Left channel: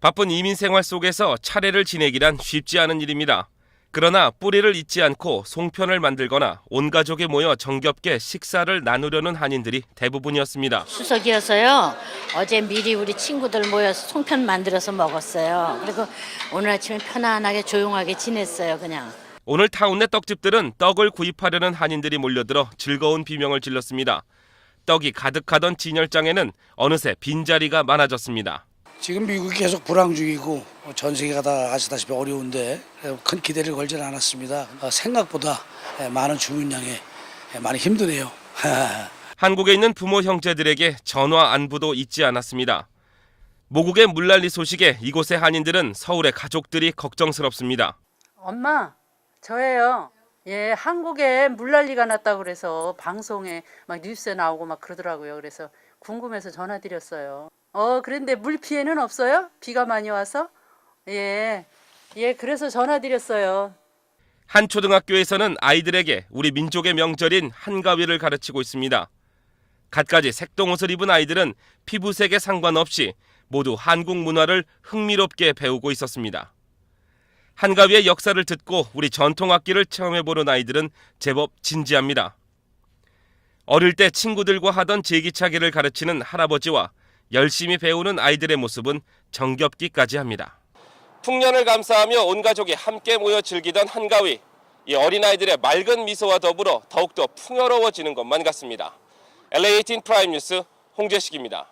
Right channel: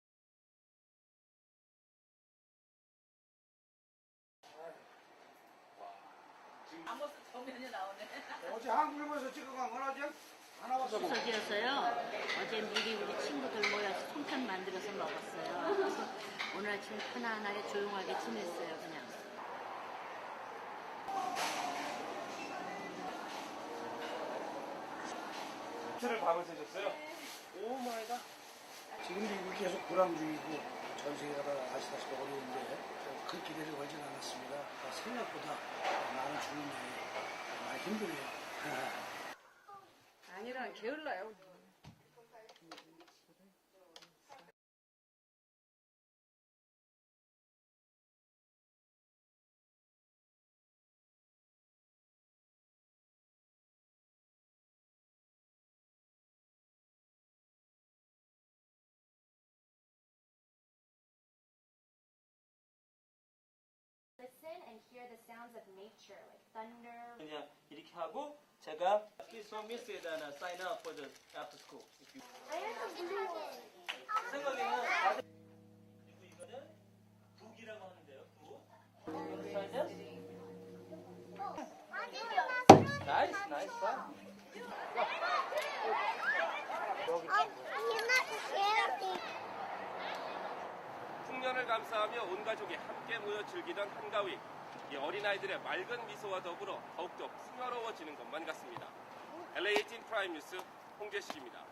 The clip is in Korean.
바쁜 이민 생활 속에서 차례를 지내기란 쉽지 않은 일입니다. 그러나 뿌리를 잇지 않고 송편을 만들거나 온 가족이 모여 정겹게 식사를 나누려는 한인들이 대부분이었습니다. 추석이어서요. 어제 미리 우리 친구들 모여서 송편 만들어서 먹었어요. 그리고 오늘 아침에 편안하게 조용하게 지냈어요, 그냥. 오늘 타운내 떡집들은 떡을 구입하려는 한인들이 몰려들어 즐거운 비명을 질렀습니다. 떡이 가득하던 진열장에는 어느새 빈자리가 많아졌습니다. 지금 미국이 계속 불황 중이고 전 세계가 다 아시다시피 어려운데 큰 기대를 걸지는 않았습니다. 어, 생각보다 많은 주문량에 많이 힘드네요. 한국에 있는 부모 형제들에게 전화 안부도 잊지 않았습니다. 모국의 물난리 소식에 이곳의 한인들은 서울의 가족들이 걱정스럽습니다. 엄마, 저예요. 예, 한국에 물난리가 났다고 그래서 방송에 막 뉴스에 나오고 막 그러더라고요. 그래서 궁금해서 전화드렸어요. 어, 그런데 물 피해는 없어요? 비가 많이 와서? 예. 예, 그래서 전화드렸어요. 한 초등학교에서는 아이들에게 우리 민족의 명절인 한가위를 가르치고 있습니다. 갖가지 색동옷을 입은 아이들은 피부색에 상관없이 모두 한국 문화를 흥미롭게 배우고 있었습니다. 한가위의 역사를 듣고 우리 전통 악기를 체험해보는 아이들은 제법 진지합니다. 어릴 때 친구들과 하던 제기차기를 가르치는 할아버지와 열심히 배우는 아이들의 모습은 정겹기까지 합니다. 풍년을 감사하며 온 가족이 함께 모여 즐기던 한가위. 이 어린아이들의 맑은 미소와 더불어 더욱더 풍요로워지는 것만 같습니다. LA18 프라임 뉴스 홍재식입니다.